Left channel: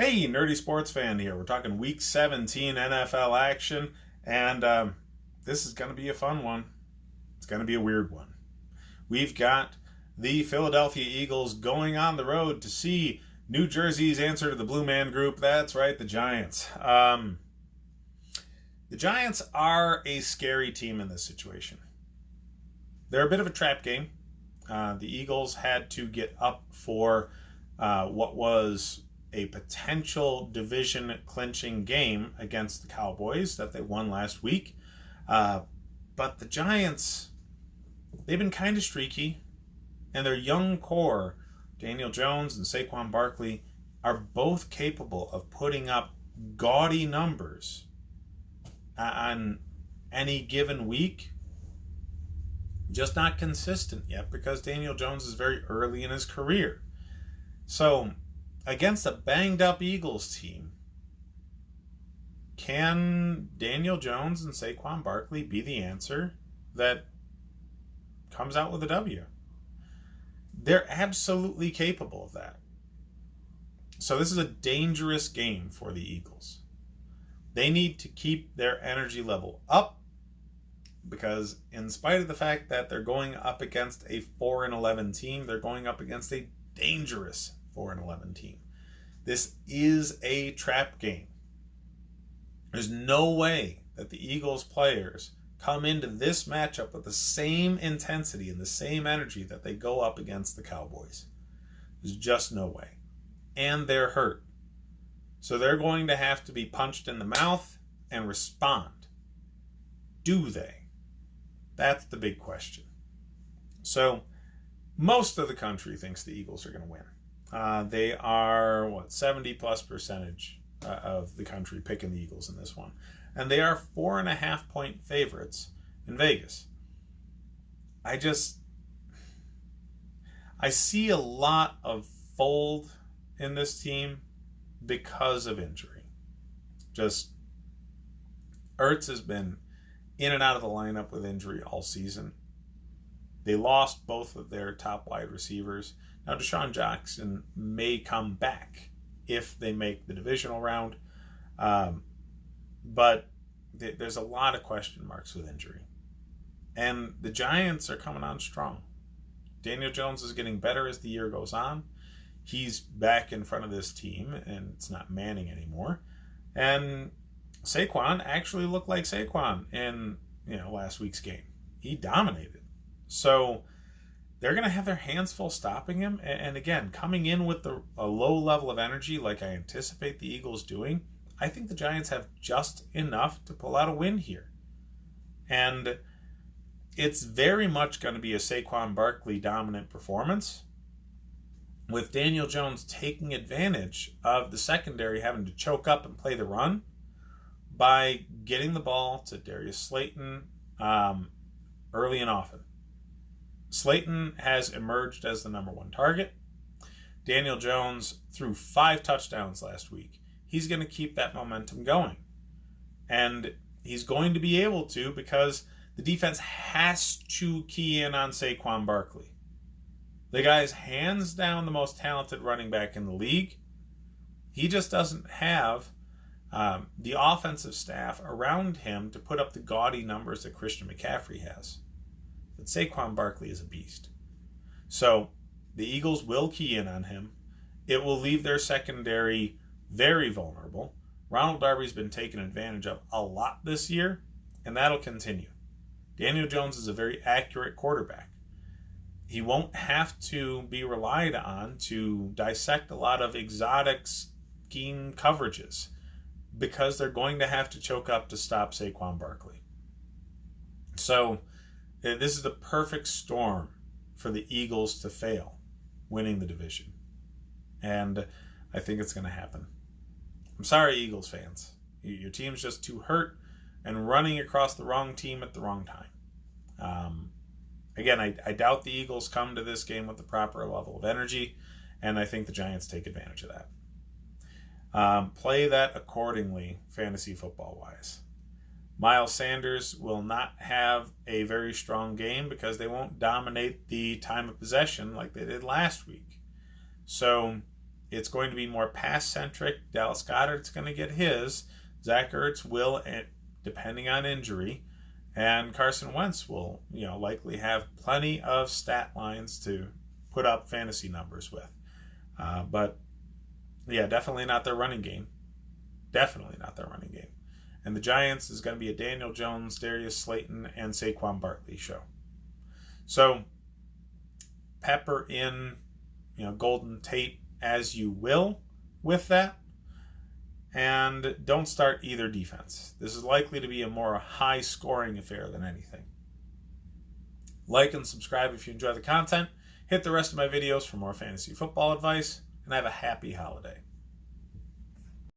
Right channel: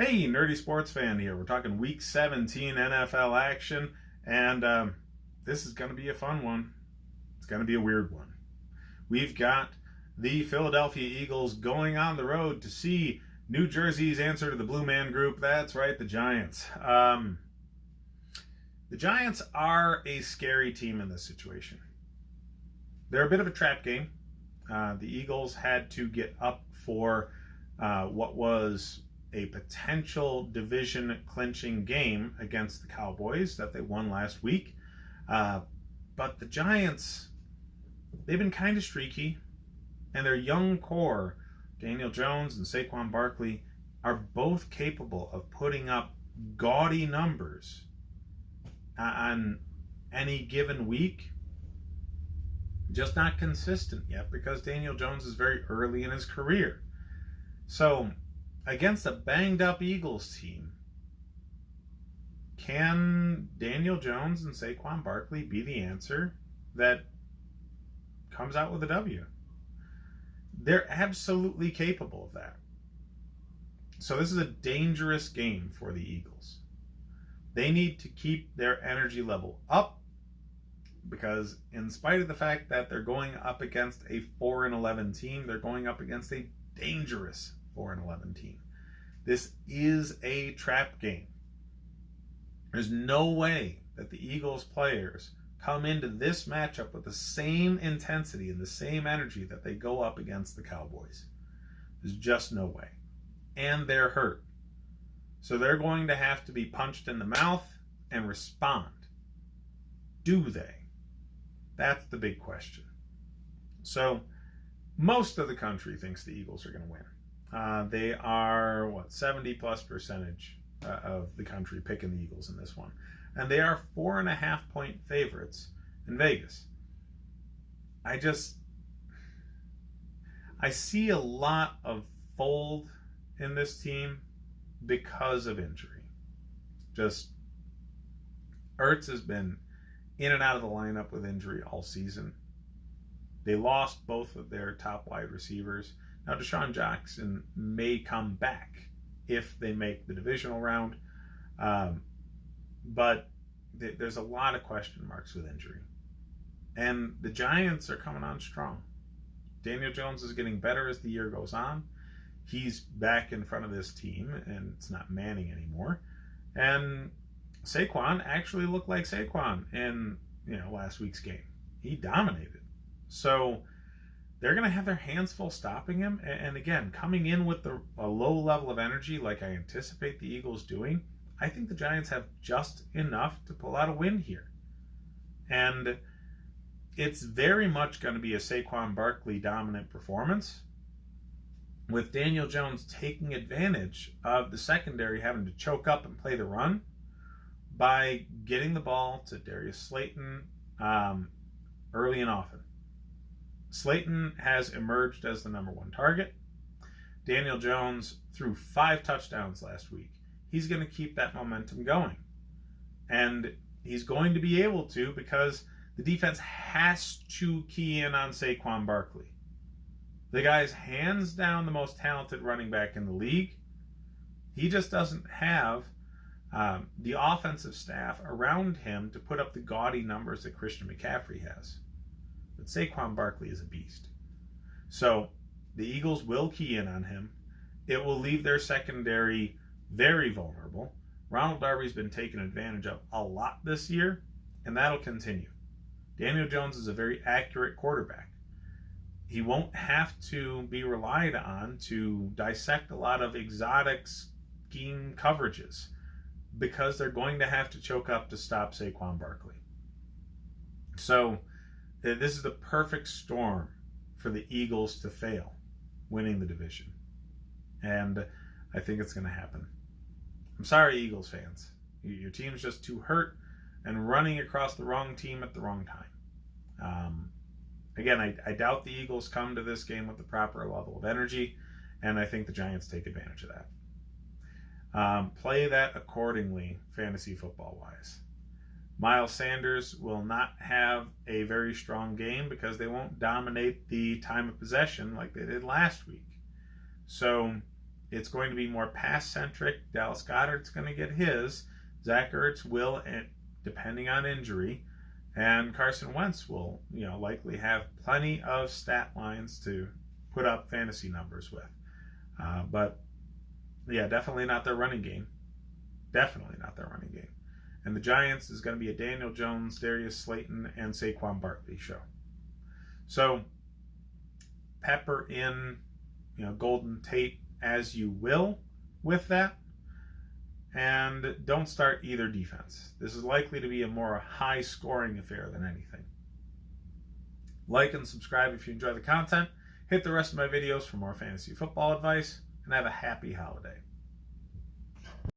Hey, nerdy sports fan here. We're talking Week 17 NFL action, and this is going to be a fun one. It's going to be a weird one. We've got the Philadelphia Eagles going on the road to see New Jersey's answer to the Blue Man Group. That's right, the Giants. The Giants are a scary team in this situation. They're a bit of a trap game. The Eagles had to get up for what was a potential division clinching game against the Cowboys that they won last week. But the Giants, they've been kind of streaky, and their young core, Daniel Jones and Saquon Barkley, are both capable of putting up gaudy numbers on any given week. Just not consistent yet because Daniel Jones is very early in his career. So, against a banged-up Eagles team, can Daniel Jones and Saquon Barkley be the answer that comes out with a W? They're absolutely capable of that. So this is a dangerous game for the Eagles. They need to keep their energy level up because in spite of the fact that they're going up against a 4-11 team, they're going up against a dangerous 4-11 team. This is a trap game. There's no way that the Eagles players come into this matchup with the same intensity and the same energy that they go up against the Cowboys. There's just no way. And they're hurt. So they're going to have to be punched in the mouth and respond. Do they? That's the big question. So most of the country thinks the Eagles are going to win. They are, 70+% of the country picking the Eagles in this one. And they are 4.5-point favorites in Vegas. I see a lot of fold in this team because of injury. Just, Ertz has been in and out of the lineup with injury all season. They lost both of their top wide receivers. Now, Deshaun Jackson may come back if they make the divisional round, but there's a lot of question marks with injury. And the Giants are coming on strong. Daniel Jones is getting better as the year goes on. He's back in front of this team, and it's not Manning anymore. And Saquon actually looked like Saquon in last week's game. He dominated. So they're going to have their hands full stopping him. And again, coming in with a low level of energy like I anticipate the Eagles doing, I think the Giants have just enough to pull out a win here. And it's very much going to be a Saquon Barkley dominant performance, with Daniel Jones taking advantage of the secondary having to choke up and play the run by getting the ball to Darius Slayton early and often. Slayton has emerged as the number one target. Daniel Jones threw 5 touchdowns last week. He's going to keep that momentum going. And he's going to be able to because the defense has to key in on Saquon Barkley. The guy's hands down the most talented running back in the league. He just doesn't have the offensive staff around him to put up the gaudy numbers that Christian McCaffrey has. But Saquon Barkley is a beast. So the Eagles will key in on him. It will leave their secondary very vulnerable. Ronald Darby's been taken advantage of a lot this year, and that'll continue. Daniel Jones is a very accurate quarterback. He won't have to be relied on to dissect a lot of exotic scheme coverages because they're going to have to choke up to stop Saquon Barkley. So this is the perfect storm for the Eagles to fail winning the division. And I think it's going to happen. I'm sorry, Eagles fans. Your team's just too hurt and running across the wrong team at the wrong time. Again, I doubt the Eagles come to this game with the proper level of energy, and I think the Giants take advantage of that. Play that accordingly, fantasy football-wise. Miles Sanders will not have a very strong game because they won't dominate the time of possession like they did last week. So it's going to be more pass-centric. Dallas Goedert's going to get his. Zach Ertz will, depending on injury. And Carson Wentz will, likely have plenty of stat lines to put up fantasy numbers with. But, yeah, definitely not their running game. Definitely not their running game. And the Giants is going to be a Daniel Jones, Darius Slayton, and Saquon Barkley show. So, pepper in, Golden Tate as you will with that. And don't start either defense. This is likely to be a more high-scoring affair than anything. Like and subscribe if you enjoy the content. Hit the rest of my videos for more fantasy football advice. And have a happy holiday.